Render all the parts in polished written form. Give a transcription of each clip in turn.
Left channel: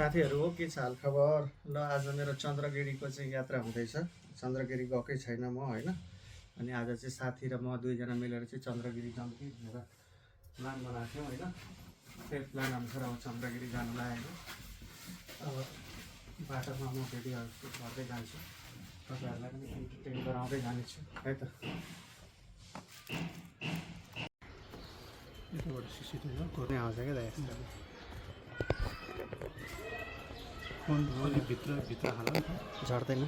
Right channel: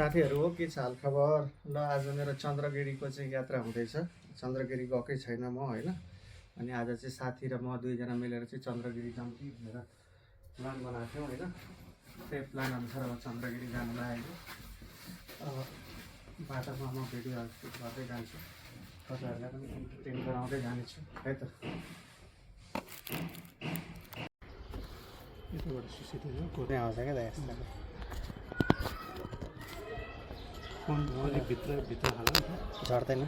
साथीहरू हो के छ हालखबर ल आज मेरो चन्द्रगिरीको चाहिँ यात्रा हुँदैछ। चन्द्रगिरी गएकै छैन म होइन। अनि आज चाहिँ साथी र म दुईजना मिलेर चाहिँ चन्द्रगिरी जाउँ कि भनेर प्लान बनाएको थियौँ होइन। त्यही प्लान अनुसार अब चन्द्रगिरी जानु लागेको। अब बाटोमा म भिडियोहरू सुट गर्दै जान्छु, तपाईँहरूलाई पनि इन्टरटेन गराउँदै जानेछु है त। यताबाट सिसिटिभी घुर्ने आउँछ क्या त यस्तो भित्र हाल्नु झर्दैन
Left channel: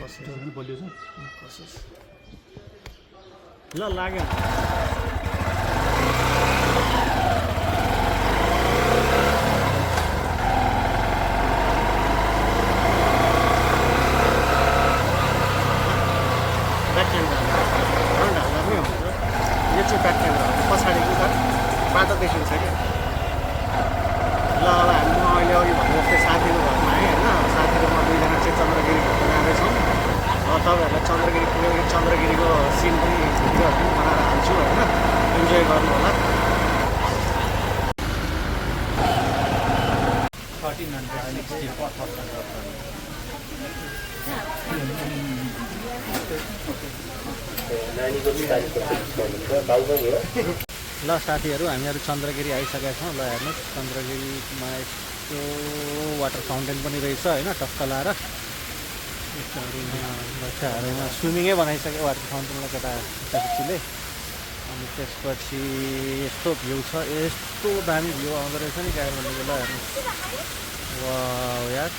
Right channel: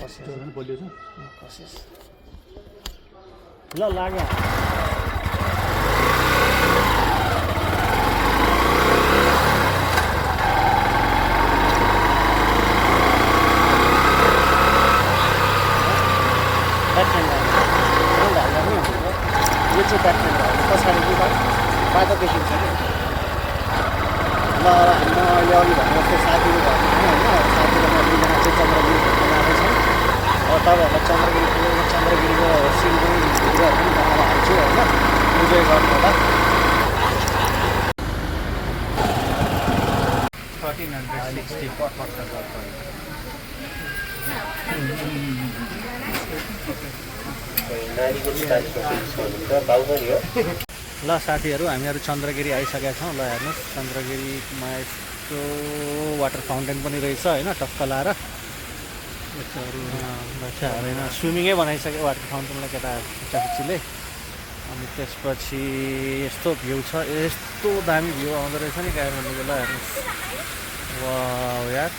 कसिस बलियो छ कसिस ल लाग्यो। ब्याक क्यामेरा यो चाहिँ ब्याक क्यामेरा हो, पछाडि चाहिँ बाटो देखिन्छ कि। ल अब हामी म अहिले अघि भन्नु जस्तै साथीको घरमा आएँ होइन। साथी र म दुईजना चाहिँ चन्द्रगिरी घुम्न जाँदैछौँ। अब तपाईँहरूलाई चन्द्रगिरी पुगेको चन्द्रगिरीको सिन पनि भिडियोहरू पनि बनाएर हाल्छु होइन, इन्जोय गर्नु होला। 1360 ल साथीहरू हामीहरू चन्द्रगिरी आइसकेका छौँ। ल हेर्नुहोस् चन्द्रगिरीमा यस्तो वाटर फाउन्टेन पनि रहेछ होइन, टक्क लाएर बच्चाहरूमा स्विमिङै बनाइसक्यो वाटर फाउन्टेनलाई केटाखुच्चीले। अनि त्यसपछि यस्तो भ्यू छ, यस्तो दामी भ्यू आउँदो रहेछ नि काठमाडौँको। ल हेर्नुहोस् वाउ यार,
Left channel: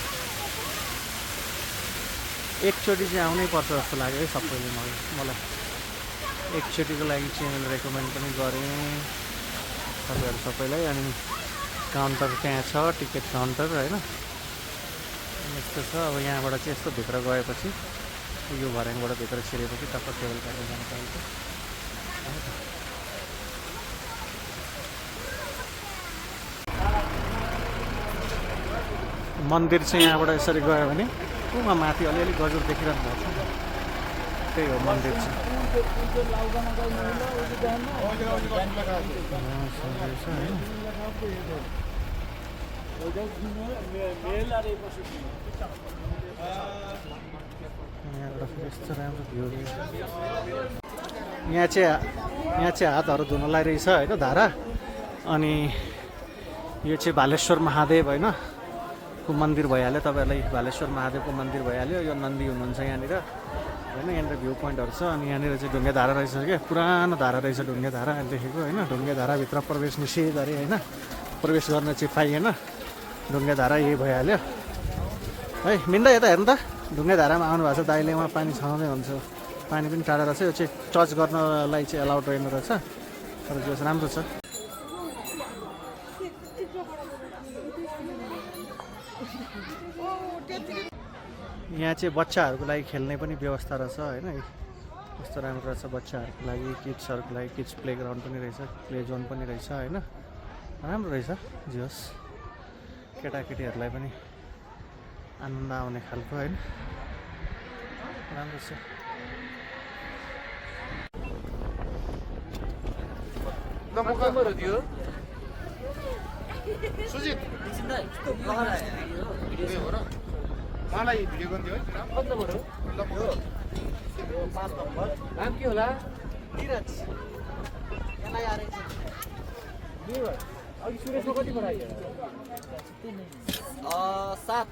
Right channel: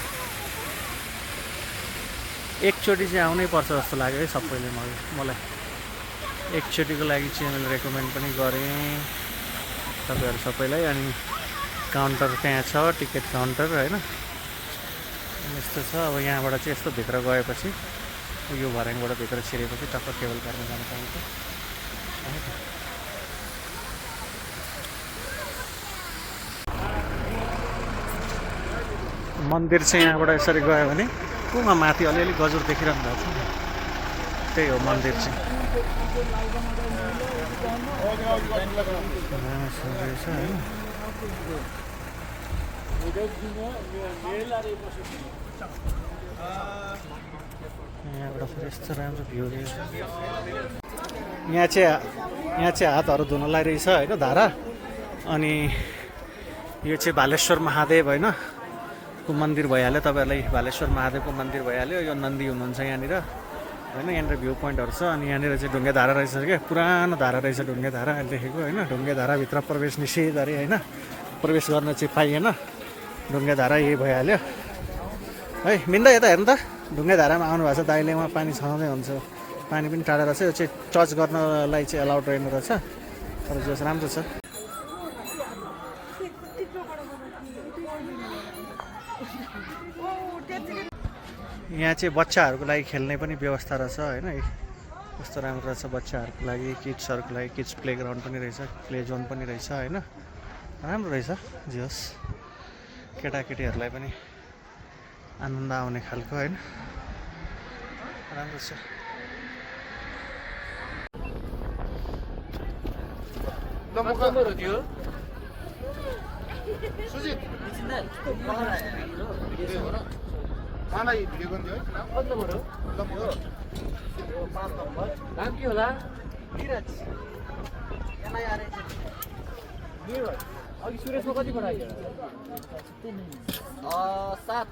एकचोटि चाहिँ आउनै पर्छ जस्तो लाग्यो है सबैले। मलाई एकचोटिको लागि चाहिँ मैले रेकमेन्ड पनि गरेँ तपाईँहरू सबैलाई। अनि काउन्टर त्यहाँ छ, टिकट काउन्टर होइन यस्तो छ। अब यहाँबाट चाहिँ यस्तो भित्र गएपछि यो भर्याङबाट भित्र छिरेपछि टक्क केबल कारमा जानु पाइन्छ। मन्दिर चाहिँ यहाँबाट यसरी गयो भने उमा माथि अलिअलि गजुर देखिरहनु भएको छ, त्यही हो मन्दिर चाहिँ। यहाँबाट फेरि यस्तो राम्रो भ्यू यहाँ चाहिँ हातहरू धुनलाई रहेछ होइन धारा। अनि यो चाहिँ भालेश्वर महादेव होइन को मन्दिर भइहाल्यो। तपाईँहरूलाई भालेश्वर महादेवको मन्दिर भइहाल्यो। यो नन्दी हुनुहुन्छ यहाँनिर होइन। यहाँनिर भ्यू पोइन्टहरू छ। अनि यहाँनिर चाहिँ ढुङ्गे धारा रहेछ क्या, पुरानो धारा रहेछ ढुङ्गे धारा अहिले देखेको होइन। ढुङ्गे धाराभित्र प्रवेश निषेध अरे होइन, प्रवेश गर्न चाहिँ पाइएन। ढुङ्गे धारा यही भइहाल्यो है। मिन्दा यता हेर्नु त, ढुङ्गे धारामा आउनु भएको छ दाइले, उहाँ पानी छाउँदै हुन्छ। पानी पनि टाढा रहेछ, यो चाहिँ टच गर्नलाई चाहिँ एलाउड रहेन रहेछ, तर जो राम्रो छ। यहाँ चाहिँ बच्चाहरूको लागि खेल्ने पनि व्यवस्था रहेछ होइन। कस्तो राम्रो रहेछ बच्चाहरूको लागि, किड्सहरूको लागि किड्स प्ले ग्राउन्ड पनि रहेछ, प्ले जोन पनि रहेछ होइन। राम्रो रहेछ जे होस्, केटाकेटीहरूलाई पनि आनन्द आउने खालको होइन, राम्रो छ। मलाई भिडियो गर्दै हो नाम के होला? धीरज अघि सुरेशको कति पठायो? 7।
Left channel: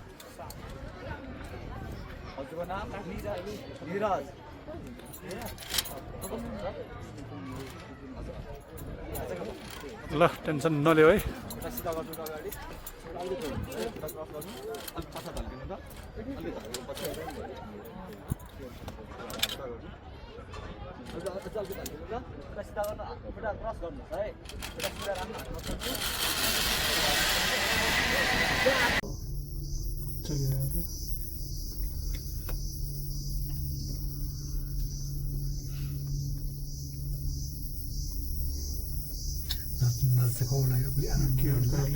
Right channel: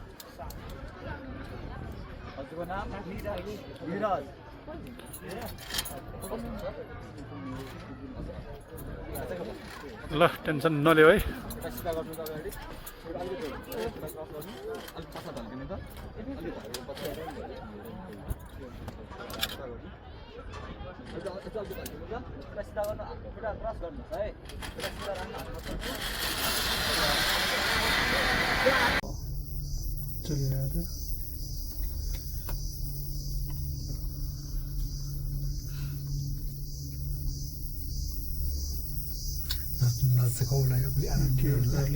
हजुरको नाम धीरज। ल टेन्सन नलियो है।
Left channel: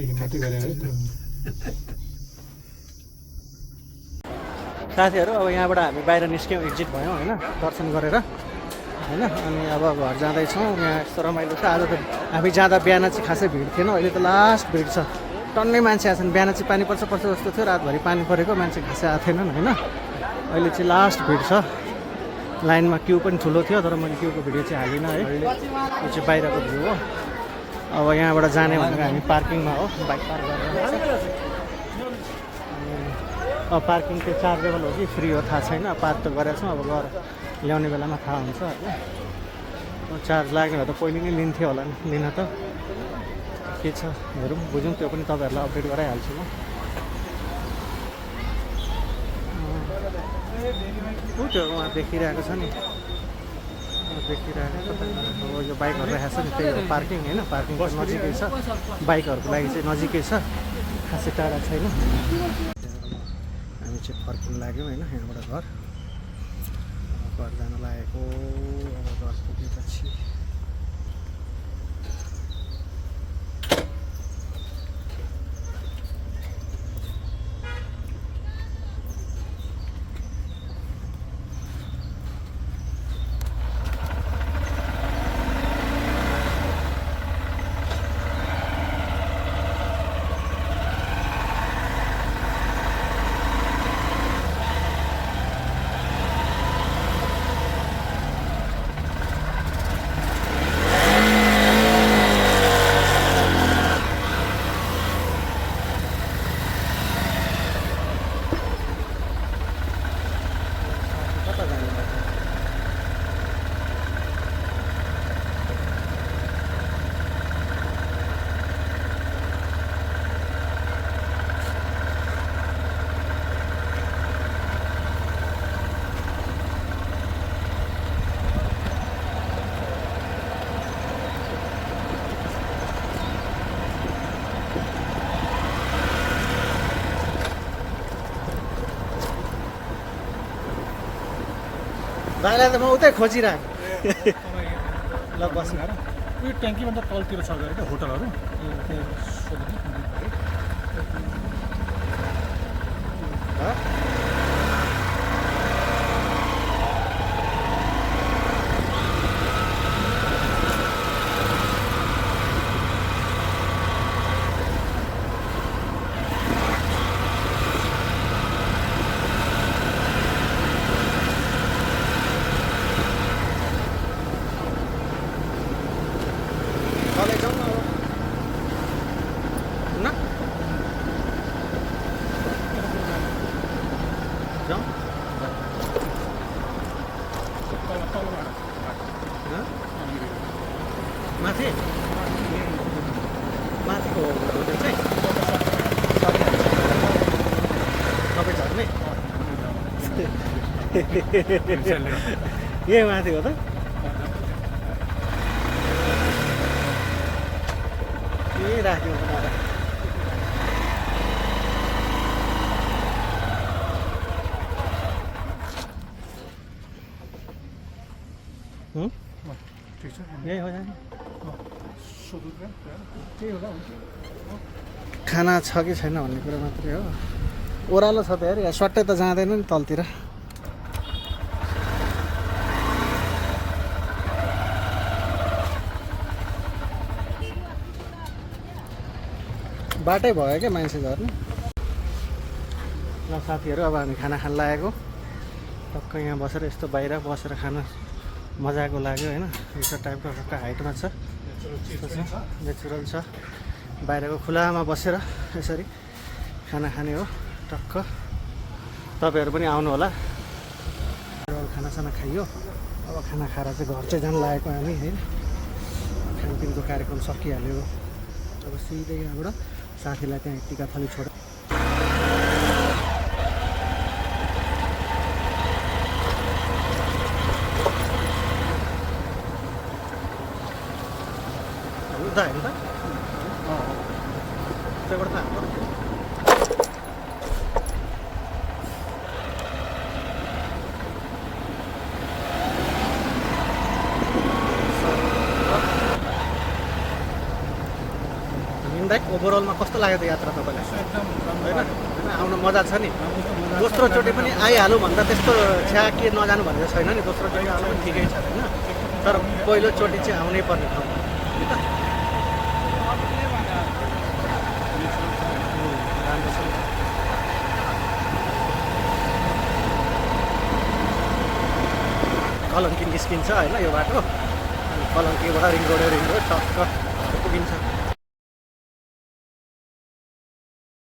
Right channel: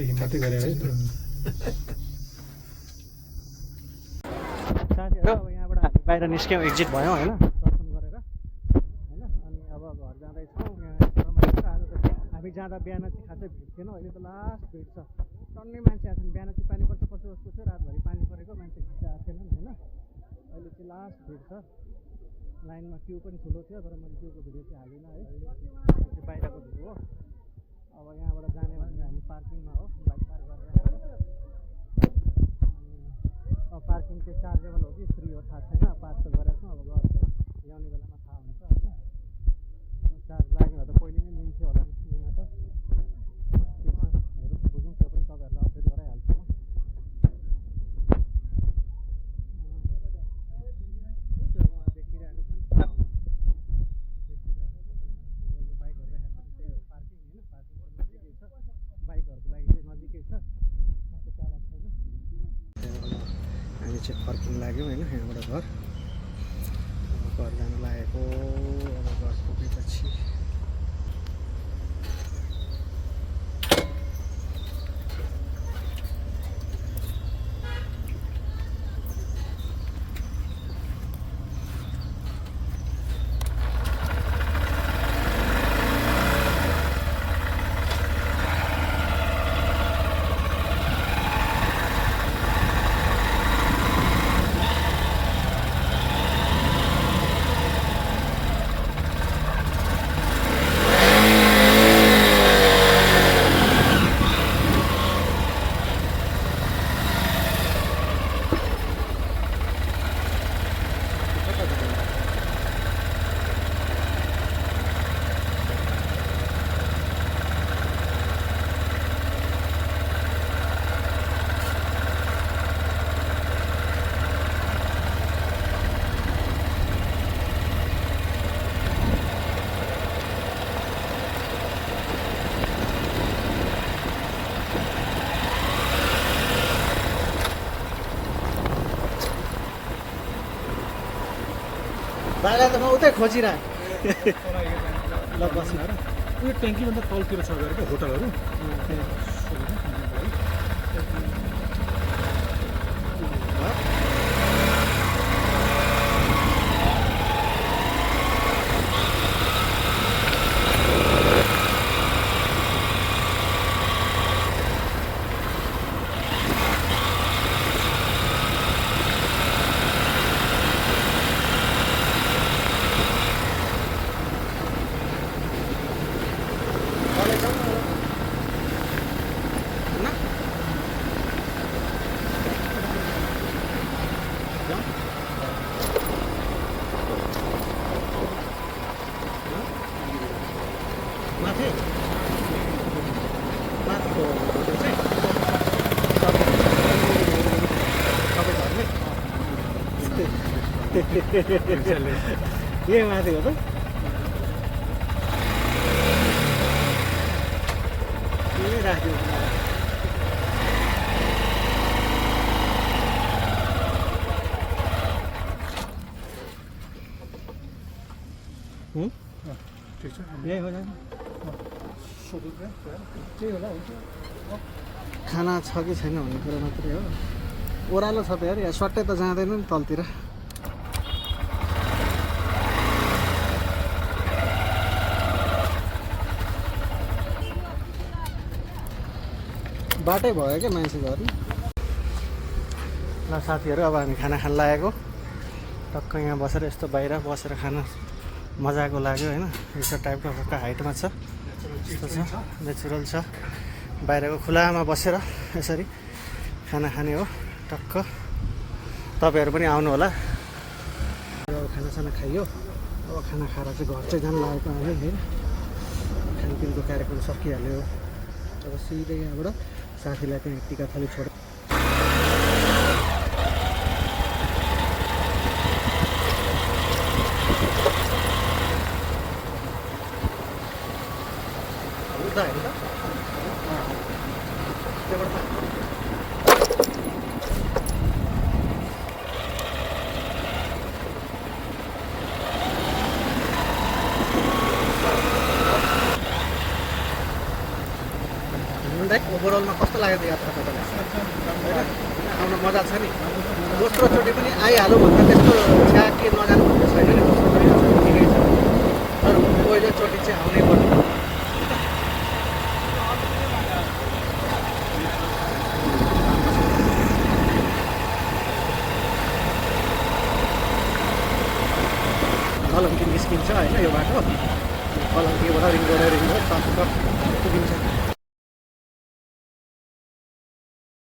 हिम्मतै गरे है साथीहरू। अब यहाँबाट हामी बाहिर निस्क्यौँ, एक्जिट भयौँ होइन, दर्शन गरेर होइन। अनि अब घर जाँदैछौँ। यहाँ यस्तो रमाइलो छ। आज त हामी जाँदा बिहान चाहिँ खासै भिड थिएन, अहिले त लास्ट भिड छ। टन्नै मान्छे आएको छन्। बिहान चाहिँ पानी पर्छ पर्छ जस्तो थियो, रातभरि पानी परेको, मान्छे खासै आएको थिएनन् होइन। अहिले चाहिँ लास्ट भिड छ। लाइनमा क्यु पनि ठुलो थियो, तर मैले क्युको भिडियो चाहिँ हालिनँ है। यो चाहिँ बाहिरको भ्यू हो। अब यहाँबाट जाने भनेको हामी पार्किङमा हो, बाइक पार्क गरेर। अब पार्किङ चाहिँ चार्जेबल हो कि फ्री हो थाहा छैन, पार्क त गरेको छौँ, अब गएर ल्याउने बेलामा थाहा हुन्छ होइन। चार्ज लाग्ने भए त पहिले नै लिन्थ्यो होला नि, लिन त के छ हेरौँ बुझौँ, त्यो पनि तपाईँहरूलाई अपडेट गराइहाल्छु म। ऊ त्यो उहाँ देखिरहेको छ नि, देखिरहेको छ। अब यो बाइकहरू राखेको छ नि, त्यही हो पार्किङ होइन। पार्किङ त नजिकै छ, बाइकहरूको लागि चाहिँ नजिकै छ, खासै टाढा छैन। हामी चाहिँ फर्किन लाग्यौँ होइन, यहाँबाट घर जान लागेको। अब घर पुगेपछि भाइलाई त म उतै खोजिरहेको। ल बस्नु उयो ट्याङ्कीभन्दा तलतिर छ अरे क्या होटलहरू। माथि माथिको सबै झर्ने ए माथि हो त के राख्यो ठिक छ यही हो जाने त्यही होला हुन्छ। खाना छ कि छैन भन्ने कुरो मात्रै हो। ओह्रालो छ त यार, यहाँ सट्टै त जाँदैन नि तलतिर। बाटै भयो क्या मान्छे झर्ने। ल साथीहरू, अब हामी खाना खान लागेको। टक्क यहाँ बसेर यस्तो बाहिर बसेर खाना मजाको लाग्यो होइन। यो टाइपको टक्क हाइटमा छ, यस्तो छ, नेचुरल छ। बाहिरको खुलामा बसेर यसरी खाना खाने हो टक्क। तपाईँहरू पनि आउनु होला। खानासाना खाइयो, अब खाना खाएर चाहिँ घर चाहिँ जानु लागेको हामी है। खानपिनको कार्यक्रम सकिहाल्यो। अब सिधै यहाँबाट साथीलाई चाहिँ टिका थाली छोड उता हेर्नु त त्योबाट त हाम्रो ओभरअलमा कस्तो लाग्यो त यात्रा तपाईँलाई होइन? आउनु मजा छ नि। दोस्रोचोटि पनि आइहालौँ भन्दा त्यस्तो छ्या के नजानु भन्ने छैन नि। दोस्रोचोटि आउनु ठिकै छ होइन, तर पहिलोचोटि चाहिँ आउनै पर्ने। कलङ्की निस्किन्छ होइन यो बाटो अनि कलङ्कीबाट रिङ रोड टक्क पुगिन्छ